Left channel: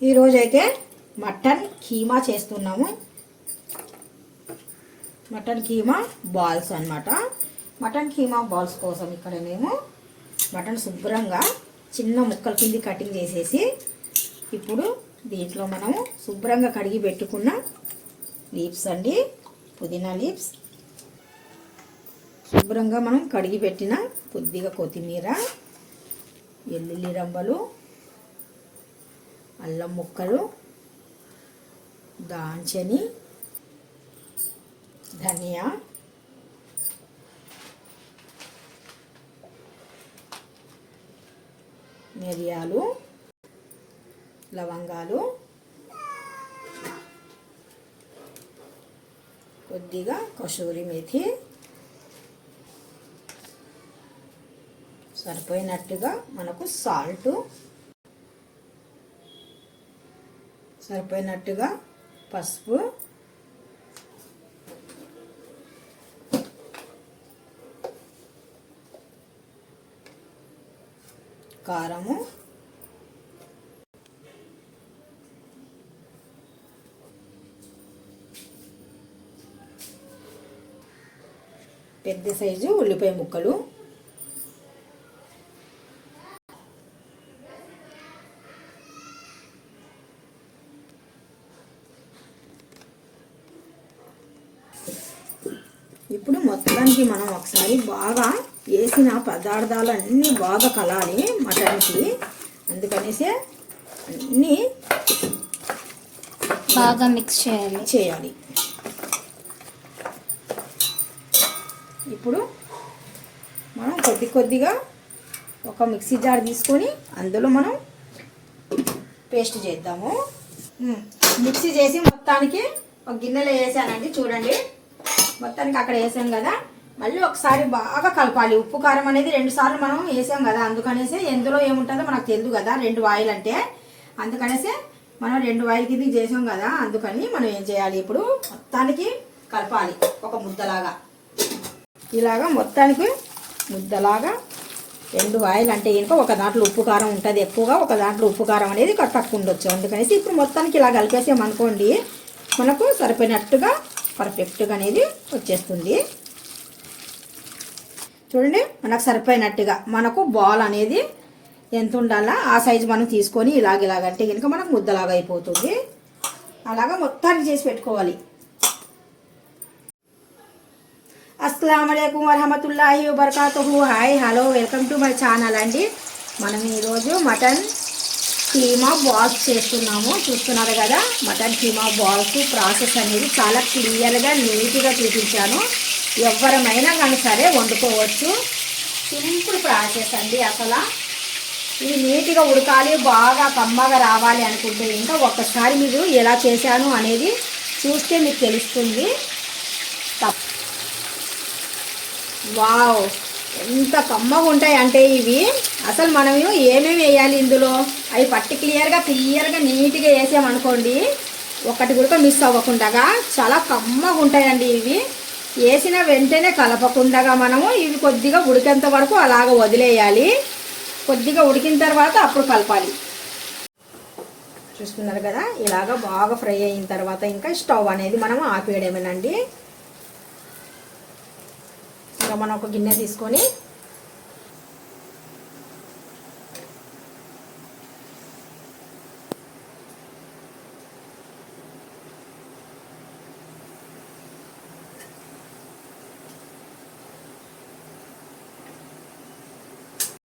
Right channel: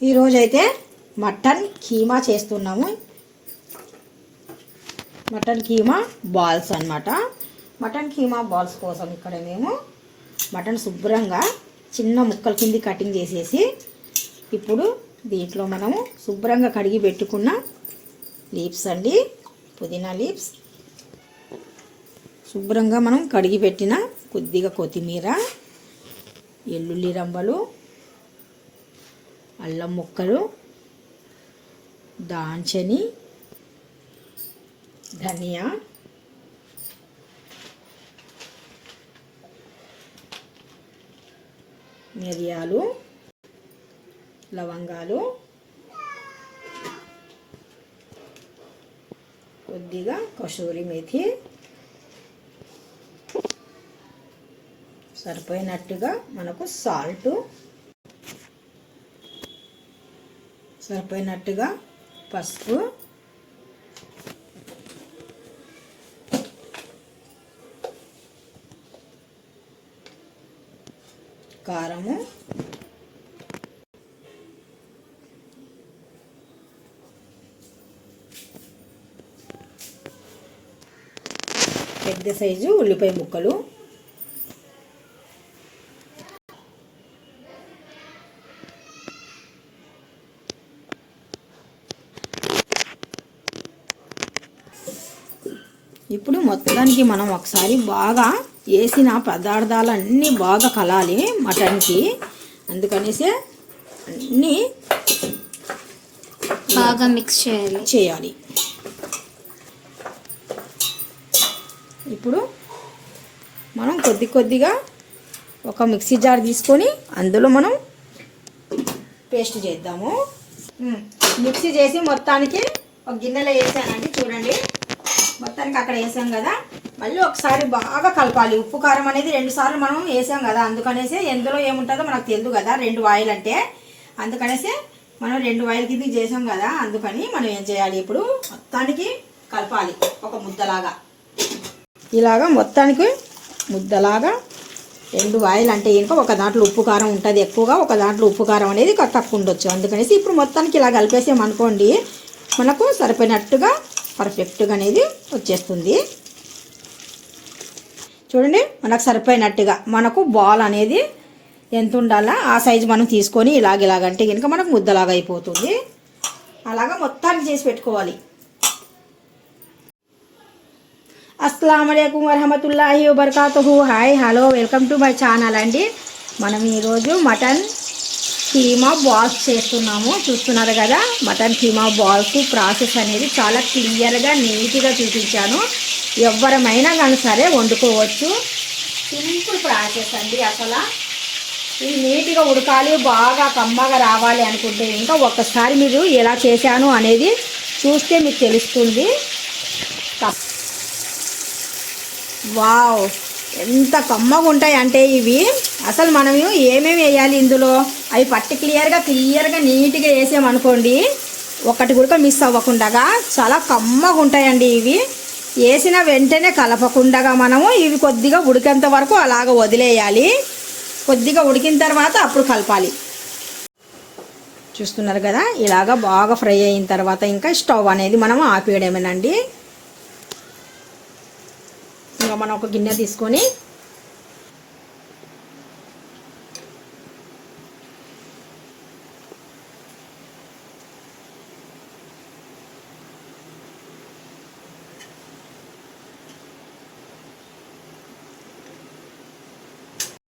ఈరోజైతే మటన్ కీమా చేస్తున్నాము. Mutton keema balls అన్నమాట. మటన్ కీమా బాల్స్ కోసం ఇక్కడ మేము మటన్ శుభ్రంగా చిన్న ముక్కల కింది కటింగ్ చేసేసి ఇప్పుడు దీంట్లో మనము శుభ్రంగా కడిగి పెట్టుకున్న లీప్స్ అండి పుదీనా లీప్స్ శుభ్రంగా మనం కడిగి పెట్టిన కొద్దిగా కొత్తిమీర ఎల్లుల్లి రంబలు అల్లం ముక్కలు దాంచని ధనియా మిరియాలు లవంగాలు కొద్దిగా కసూరి మేథి సరిపోయినట్టుగా మనకు సాల్టు సరిపోయినట్టుగా పసుపు. కారము. పెద్ద సైజు ఉల్లిపాయ ముక్కలు. ఇప్పుడు మొత్తానికి మనం ఒకసారి బాగా వేసిన పదార్థాలన్నీ బాగా కలాలి మటన్కి. అందుకనేసి అన్నీ బాగా మిక్స్ చేయాలి. చేయాలి. ఇప్పుడు మనం కొద్ది కొద్దిగా ఒక మిక్సీ జార్ తీసుకొని అందులో మనం పేస్ట్ చేద్దాము. మిక్సీ చేసి మొత్తానికి ఒక గిన్నెలో వేసానండి చూడండి. మొత్తానికి అక్కడ వేసాం కదా. మళ్ళీ ఒకసారి బాగా కలపాలి. ఉప్పు కారం అనేది రెండు సార్లు మనం వేసాం కదా. అందుకనేసి ఎందులో ఏముంటుందో మనకు తెలియదు కదా. రెండు వాయిల్ అంటే. అందుకనేసి మనం రెండు వాయిల్ కింద చేసాం కదా. అందుకని మనం ఏం చేయాలి ఇప్పుడు? మొత్తానికి కలపాలి. ఒక ముద్దలాగా. ఇలాగా మొత్తానికి ముద్దలాగా రెండు వాయిల్ అంటే ఇంకా ఒక దాంట్లో ఉప్పు కారం ఉంటుంది ఎక్కువగా. ఒక దాంట్లో ఉప్పు కారం అనేది తక్కువ ఉండొచ్చు. అందుకనేసి ఇప్పుడు మొత్తానికి ఇలా కలిపేసామనుకోండి మనకు సరిపోయినట్టుగా పర్ఫెక్ట్గా అనేది వచ్చేస్తుంది. చూడండి మనకు సరిపోయినట్టుగా మనకు బాల్ అనేది ఎంత ఉండాలా ఆ సైజు మనం తీసుకొని ఇలాగ ఇలాగంటే కనుక మనకు ముద్దలాగా అయిపోతుంది. అలాగా మొత్తానికి చేసి పెట్టుకోవాలి. అస్సలం అయికం వరహమతుల్లాహి వబర్కాతుహు. Hi hello welcome to my channel అండి. మనం ఈరోజు మటన్ కీమా బాల్స్ చేస్తున్నాము. చూస్తున్నారు కదా మటన్ కీమా బాల్స్ ప్రాసెస్ అనేది చాలా క్లియర్గా నీట్గా చూపించాను. ఎవరమైనా కానీ సరే వండుకోవచ్చు. సింపుల్ ప్రాసెస్ అండి అసలు. ఇది నీట్గా ఉడకాలి బాగా కమ్మగా రావాలి అనుకుంటే ఇంకా ఒక్కసారి మీరు ఎలా చేశాను అనేది చూస్తే మీకు తెలుస్తుంది. వావ్! ఎంత కమ్మగా ఉంటాయి అంటే ఇవి. అసలు మనం ఏమేమి వేయాలి ఇందులో? అవి పట్టి క్లియర్గా క్లియర్గా నీట్గా వేసామనుకోండి ఒకటి కూడా మిస్ అవ్వకుండా చాలా కమ్మగా ఉంటాయండి ఇవి. వేసిన వెంటనే కలపకుండా మనము ఇవి కొద్దిగా ఉడికేంత వరకు అలాగ వదిలేయాలి. కొద్దిగా ఉడికిన తర్వాత అప్పుడు కలపాలి. చూస్తున్నారు కదా? ఇలాగ బాగా ఫ్రై అయిన తర్వాత ఇంకా స్టవ్ అనేది మనం ఆపేయడమేనండి ఇంకా మనం ఒక గిన్నె తీసుకొని